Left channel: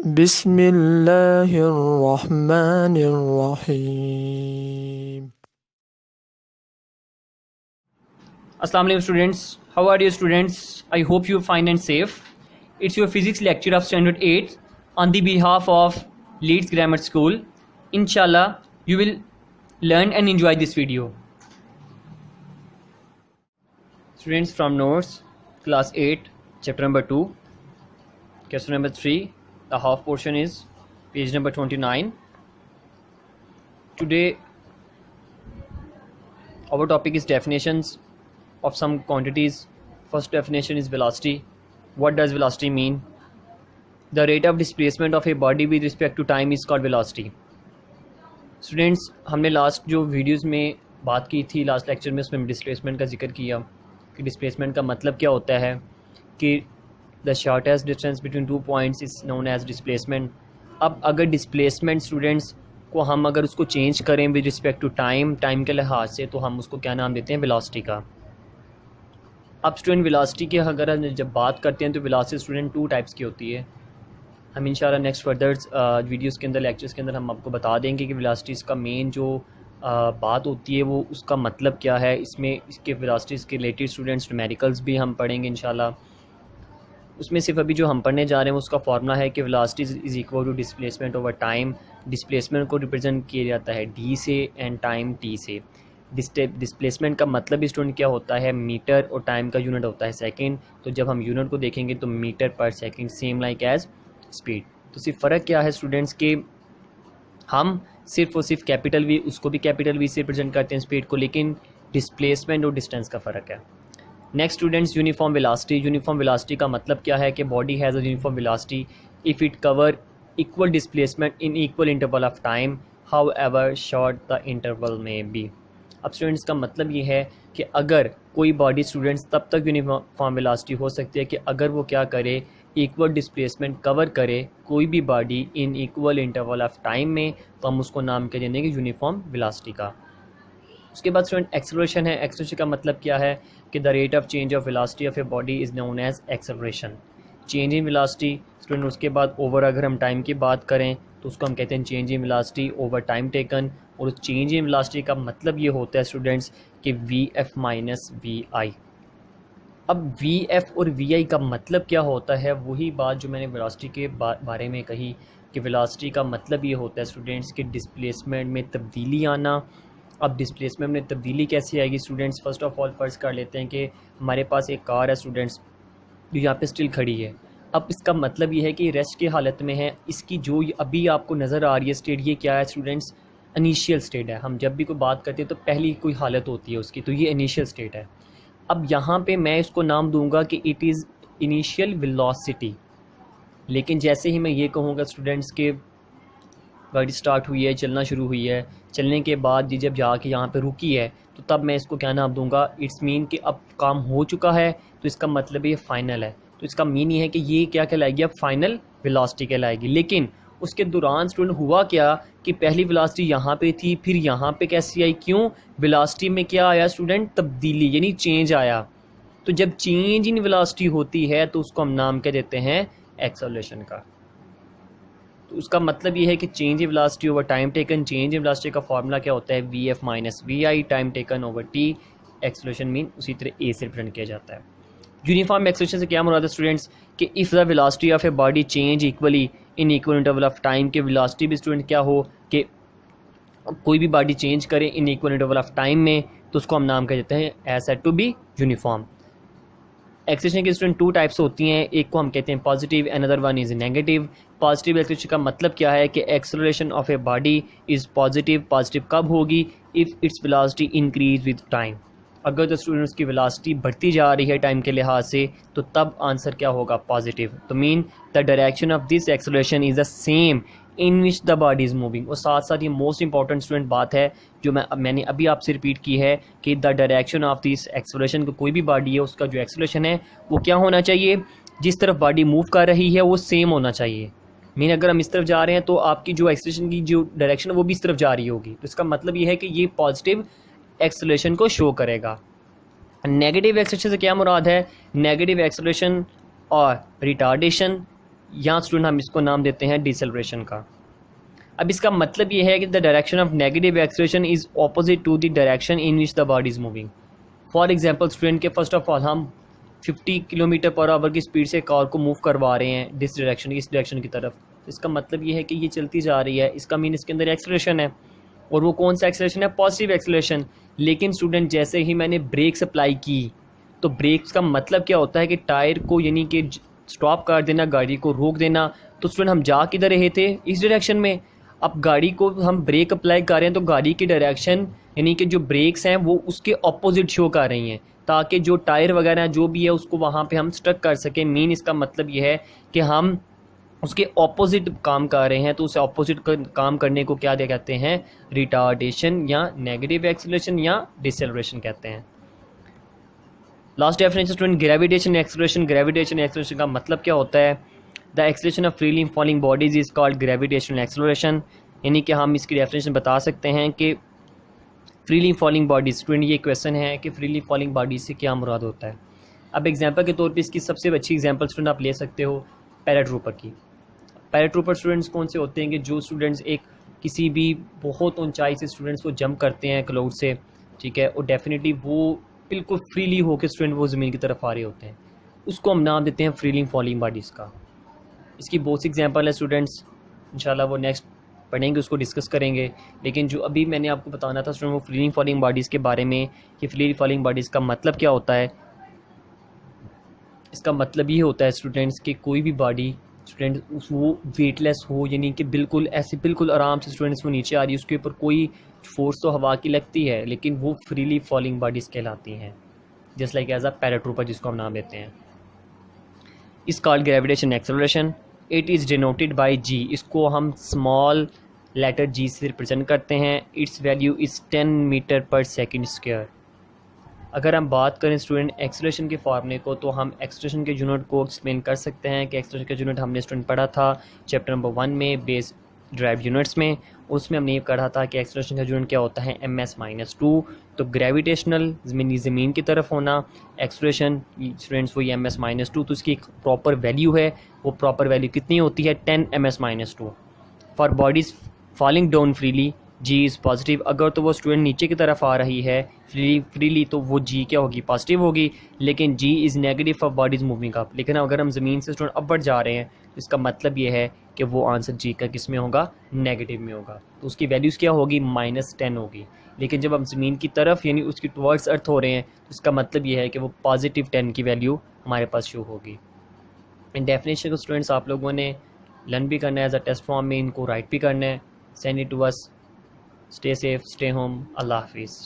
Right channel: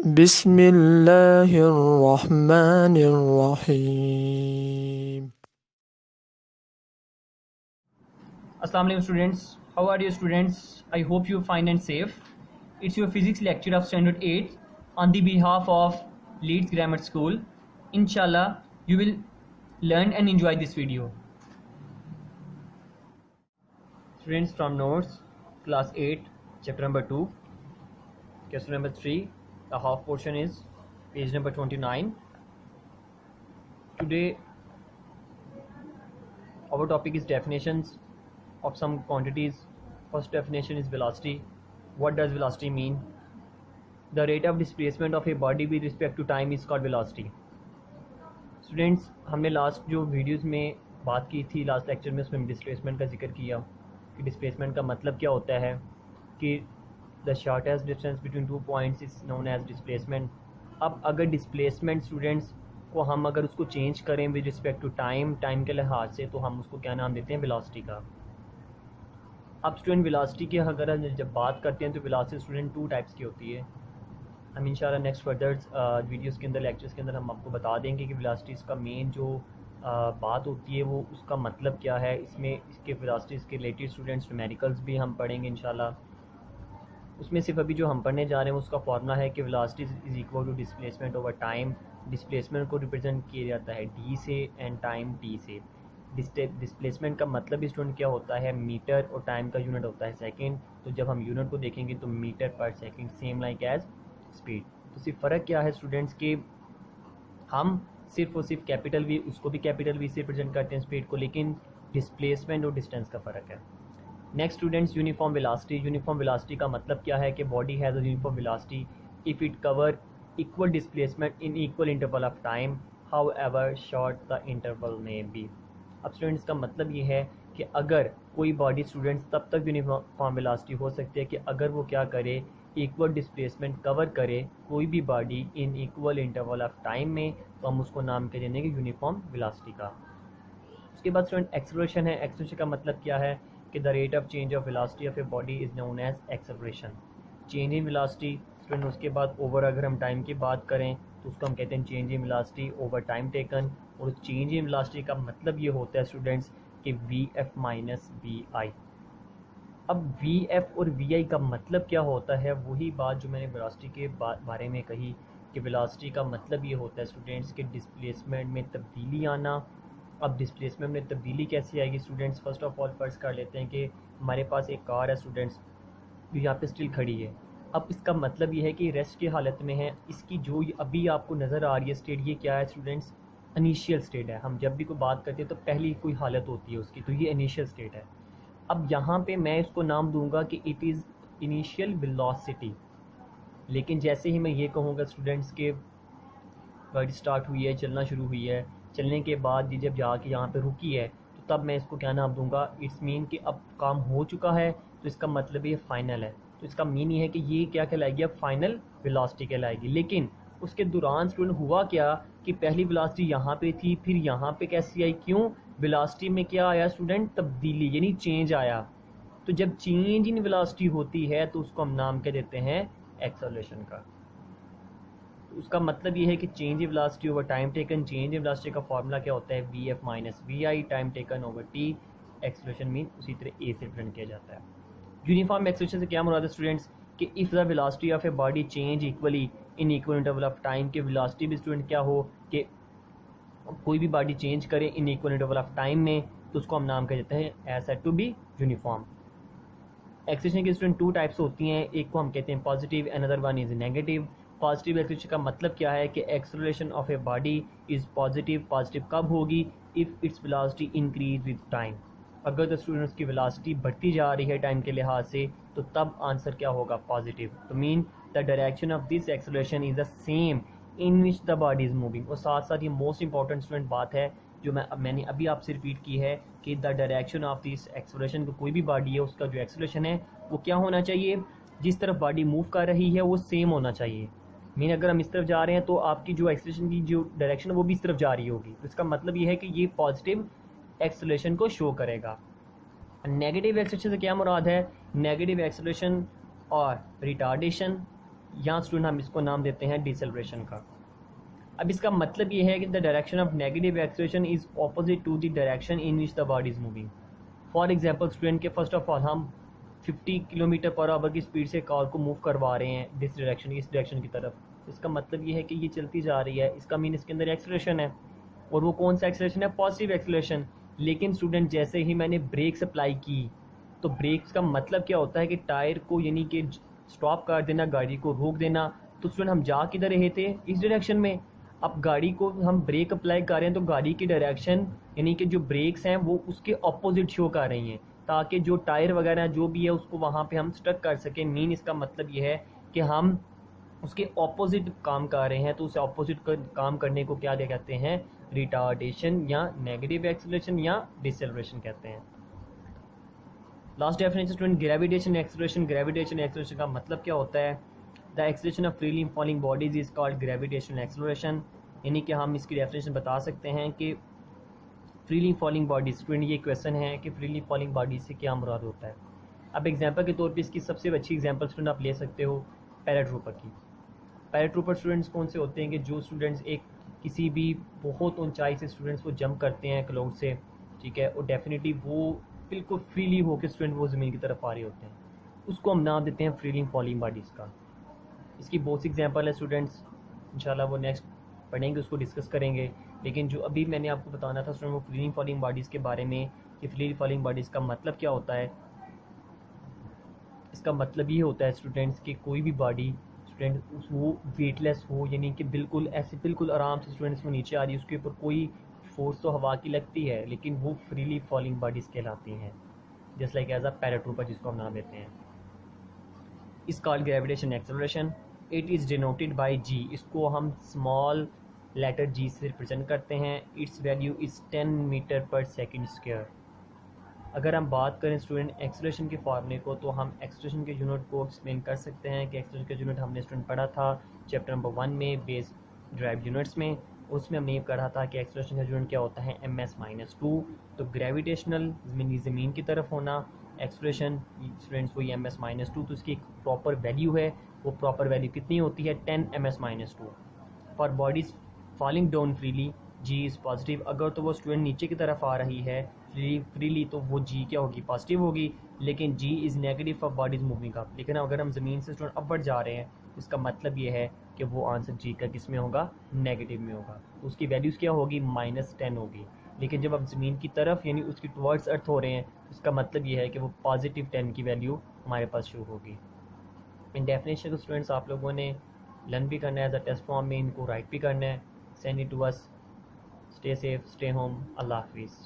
बिस्मिल्लाहिर्रहमानिर्रहीम। Assalamu alaikum students, how are you students? I hope you fine and safe. It's your physics lecture of standard 8 on the behalf of Leeds Grammar School. Inshallah you will learn and enjoy this video. Students, from notes, class 8 chapter number 2, question number 3, the half portion is page number 29. Today our topic is definitions of some quantities. First definition is velocity. What does velocity mean? The rate of displacement of a body with respect to time is called velocity. Students, हमने last जो videos में बात की थी, last lecture में, उसमें displacement का जिक्र किया कि डिस्प्लेसमेंट का मतलब क्या होता है, कि the shortest distance between 2 points is known as displacement. अब अगर डिस्प्लेसमेंट स्टूडेंट्स को हम अगर उसको चेंज करें विद रिस्पेक्ट टू टाइम के लिहाज से, तो हम उसको क्या नाम देते हैं? वेलोसिटी का. अब स्टूडेंट वेलोसिटी की अगर जब बात करते हैं तो वेलोसिटी स्टूडेंट 2 टाइप्स की होती है. हम इंशाल्लाह नेक्स्ट फर्दर वीडियोस के अंदर, लेक्चर्स के अंदर हम आपको बता देंगे कि वेलोसिटीज़ का मेन जो बात होती है वो उसका मतलब क्या है. इसमें इसके वेलोसिटीज़ के रिलेटेड स्टूडेंट्स न्यूमेरिकल्स भी हम पढ़ेंगे इंशाल्लाह. उसमें सिर्फ अभी जो हम पढ़ने जा रहे हैं उसका फार्मूला है कि velocity is equal to displacement over time. Displacement को रिप्रेजेंट किया जाता है डी से एंड टाइम टी से. डिस्प्लेसमेंट का मतलब भी स्टूडेंट क्या होता है? मीटर, और टाइम का यूनिट होता है सेकंड. तो जब हम यूनिट को देखेंगे तो metre per second, same like as speed. तो सिर्फ फ़र्क क्या है स्टूडेंट्स के हम सिर्फ और सिर्फ कैपिटल वी, उसको भी कैपिटल वी से रिप्रेजेंट करते हैं स्पीड को, लेकिन डिस्प्लेसमेंट और डिस्टेंस का फ़र्क है. Next students, uniform velocity. Uniform velocity का मतलब क्या है कि body has a uniform velocity if it cover equal displacement in equal interval of time, how ever short the interval में बी. अब स्टूडेंट्स का मतलब ये है कि अगर कोई बॉडी स्टूडेंट्स तब तक यूनिफॉर्म वेलोसिटी हो सकती है कि अगर वो क्या करे, इक्वल डिस्प्लेसमेंट कवर करे कोई भी body in equal interval of time में, तो हम उसको नाम कह देंगे यूनिफॉर्म वेलोसिटी का. उसके बाद स्टूडेंट एक्सेलरेशन है. एक्सेलरेशन का मतलब क्या है कि the rate of change of velocity of a body is known as acceleration. Change in velocity student. उसके बाद ओवर अगर हम टाइम की बात करें तो उसको हम कहते हैं change in velocity over time taken. और चेंज इन वेलोसिटी का मतलब ये होता है स्टूडेंट्स कि वी एफ माइनस वी आई. अब वी एफ और वी आई का मतलब क्या होता है? वही बात जो मैंने वेलोसिटी के बारे में कही कि वेलोसिटी का मतलब ये होता है स्टूडेंट्स कि डिस्प्लेसमेंट में तब्दीली आना. अब डिस्प्लेसमेंट में तब्दीली कैसे आएगी स्टूडेंट्स? फर्स्ट ऑफ ऑल फ़र्ज़ कर लेते हैं कि हमारे पास एक कार है स्टूडेंट्स जो यहाँ पे स्टिल खड़ी है. अब इसका मतलब ये है कि रेस्ट की हालत में है. इसकी जो अभी आपको नज़र आ रही है स्टेट, ये क्या है स्टूडेंट्स? इनिशियल स्टेट है. हम जब भी कोई बात करते हैं तो पहली कोई हालत होती है उसकी, तो ये इनिशियल स्टेट है. अब यहाँ पे मैं इसको नाम दूंगा कि इट इज़ इनिशियल वेलोसिटी. लेकिन जैसे ही मैं ये कहूँगा स्टूडेंट्स के गाड़ी स्टार्ट हुई है, चलना शुरू हुई है, चलने के बाद ये जब जाके यहाँ पे रुकी है, तो तब मैं इसको क्या नाम दूंगा? इट्स मीन कि अब काम हो चुका है, तो इसका मतलब ये फ़ाइनल है. तो इसका मीन ये है कि ये क्या कहलाएगी? अब फाइनल वेलोसिटी कहलाएगी. लेकिन उसके दौरान स्टूडेंट हुआ क्या कि पहली वेलोसिटी यहाँ पे थी, फिर यहाँ पे कैसी आई? क्यों? वेलोसिटी में क्या आया स्टूडेंट? तब्दीली, यानी चेंज आया. तो जब चेंज इन वेलोसिटी होती है तो उसको हम नाम क्या देते हैं? एक्सेलरेशन का. तो उसका मतलब ये है कि change in velocity over time taken. Change in velocity का फार्मूला क्या होता है? V F minus V I, time taken over T. Acceleration mean उसी तरह ए से रिप्रेजेंट किया जाता है. यूनिफॉर्म एक्सेलरेशन से क्या मुराद है स्टूडेंट्स? कि if the velocity of a body change equally in equal interval of time, के वेलोसिटी भी स्टूडेंट क्या हो कि कोई भी बॉडी चेंज करे in equal interval of time में, तो उसको हम नाम कह देते हैं as said to be uniform. Acceleration की स्टूडेंट 2 टाइप्स होती हैं. एक को हम कहते हैं positive, another one is negative. Positive acceleration का मतलब क्या है कि acceleration of a body is positive. Positive कब होगी? If its velocity increase with time. अगर तो स्टूडेंट्स की वेलोसिटी बढ़ती जा रही है टाइम के लिहाज से, तो तब आंसर क्या होगा? पॉजिटिव. तो mean the direction of this acceleration is the same in which the body is moving. और साथ साथ ये मोस्ट इंपॉर्टेंट स्टूडेंट बात है जो मैंने अभी आपसे रिपीट की है कि the direction of this acceleration, को कोई भी बॉडी है उसका जो एक्सेलरेशन है वो क्या होना चाहिए? जिस तरफ बॉडी मूव कर रही है वो सेम होना चाहिए. मीन अगर हम इस तरफ जा रहे हैं तो आपकी जो एक्सेलरेशन की जो डायरेक्शन है वो भी इस तरफ जा रही होगी. तो इसका मतलब ये है कि ये पॉजिटिव एक्सेलरेशन को शो करेगा. नेगेटिव एक्सेलरेशन से क्या मुराद है? नेगेटिव एक्सेलरेशन और रिटार्डेशन यहाँ स्टूडेंट हम इसको नाम देते हैं डिसेलरेशन का। अब इसका मतलब ये है कि the direction of negative acceleration is opposite to the direction in which the body is moving. For example student के फर्स्ट ऑफ ऑल हम 50 किलोमीटर पर आवर की स्पीड से कार को मूव करवा रहे हैं इस डायरेक्शन की तरफ। इसका मतलब ये है कि ये चलती जा रही है, इसका मीन इसके अंदर एक्सेलरेशन है, और वो कौन सा एक्सेलरेशन है? Positive acceleration. लेकिन स्टूडेंट जैसे ही मैंने ब्रेक्स अप्लाई की, तो ब्रेक्स का मतलब क्या होता है कि टायर को यानी कि स्टॉप कर देना, गाड़ी को रोक देना। तो स्टूडेंट हम जा किधर रहे थे? इस डायरेक्शन में। अब गाड़ी को हम ब्रेक अप्लाई कर रहे हैं तो गाड़ी की डायरेक्शन यानी कि जो ब्रेक्स हैं वो उसके ऑपोजिट शो कर रही हैं, ताकि जो टायर वगैरह जो भी है उसको वहाँ पे हम स्टक कर सकें। मीन इसका मतलब ये है कि हम उसके ऑपोजिट काम कर रहे हैं, तो उसे ऑपोजिट काम करने को क्या कहते हैं? रिटार्डेशन या नेगेटिव एक्सेलरेशन या डिसेलरेशन कहते हैं। Last definition student, gravitation acceleration. Gravitation acceleration का मतलब क्या होता है? The acceleration of freely falling bodies is called gravitational acceleration. यानी कि हम इसकी डेफिनेशन बता सकते हैं कि फ्रीली फॉलिंग बॉडीज। स्टूडेंट ये क्वेश्चन है कि फ्रीली फॉलिंग बॉडीज से क्या मुराद होता है। अब एग्जांपल के तौर पे इसकी सबसे अच्छी एग्जांपल स्टूडेंट आप ले सकते हो पैराट्रूपर की। पैराट्रूपर स्टूडेंट्स कौन से होते हैं कि जो स्टूडेंट्स एक किसी भी बहुत ऊंचाई से स्टूडेंट्स को जंप करते हैं क्लाउड से, ठीक है, और डेफिनेटली वो बिल्कुल फ्रीली होकर स्टूडेंट वो ज़मीन की तरफ आ रहे होते हैं, उसको हम नाम देते हैं फ्रीली फॉलिंग बॉडीज़ का। इसकी बहुत सी एग्जांपल है स्टूडेंट्स, इंशाल्लाह वो नेक्स्ट पढ़ेंगे, उसको डिस्कस करेंगे। लेकिन जो अभी मैंने आपको बताना था स्टूडेंट वो फ्रीली फॉलिंग बॉडीज़ के बारे में कि फ्रीली फॉलिंग बॉडीज़ का मतलब क्या होता है। इसका मतलब ये होता है स्टूडेंट्स कि कोई भी बॉडी स्टूडेंट वो वेटलेस हो, यानी कि बिल्कुल ऐसे बिल्कुल आराम से स्टूडेंट्स वो नीचे आ रही है, उसके ऊपर कोई फोर्स तो हवा की लगती है, लेकिन वो फ्रीली फॉलिंग बॉडीज़ कहलाती हैं, just like as a paratrooper जिसको हम नाम देते हैं। इस called gravitation acceleration. It is denoted by G. इसको हम स्मॉल लेटर जी से रिप्रेजेंट करते हैं। Its value is 10 metre per second square. अगर हम बात करें स्टूडेंट एक्सेलरेशन के फार्मूले को, तो हम एक्सेलरेशन के यूनिट को एक्सप्लेन कर सकते हैं कि एक्सेलरेशन का यूनिट हमने स्टूडेंट पढ़ा था चैप्टर नंबर 1 में बेस ड्राइव यूनिट्स में। उसमें हमने ये पढ़ा था कि एक्सेलरेशन का यूनिट क्या होता है? ms-2। तो ग्रेविटेशनल ज़मीन की तरफ होना, एक्सेलरेशन स्टूडेंट्स वही ms-2, तो इसकी एक प्रॉपर वैल्यू है। वो प्रॉपर वैल्यू कितनी होती है? 10 ms-2। For bodies falling down freely G is positive. अगर तो वो स्टूडेंट नीचे की तरफ आ रही है फ्रीली तो वो जी क्या होगी? पॉजिटिव होगी। लेकिन G is negative for bodies moving up. लेकिन अगर हम ज़मीन से स्टूडेंट अपवर्ड जा रहे हैं, इसका मतलब ये है कि वो आंसर जी का किस में होगा? नेगेटिव में होगा। तो उसकी वैल्यूज़ क्या होगी? -10 होगी। लेकिन जब हम ज़मीन की तरफ यानी उसकी टुवर्ड्स अर्थ हो रहे हैं, तो इसका मतलब ये है कि वो +10 की वैल्यू हमारे पास शो होगी। इन डेफिनेशन को स्टूडेंट्स आप लोगों ने लर्न भी करना है, एज अ टेस्ट फॉर्म में इनको राइट भी करना है। Send it to us. Stay safe, stay home. अल्लाह हाफिज़।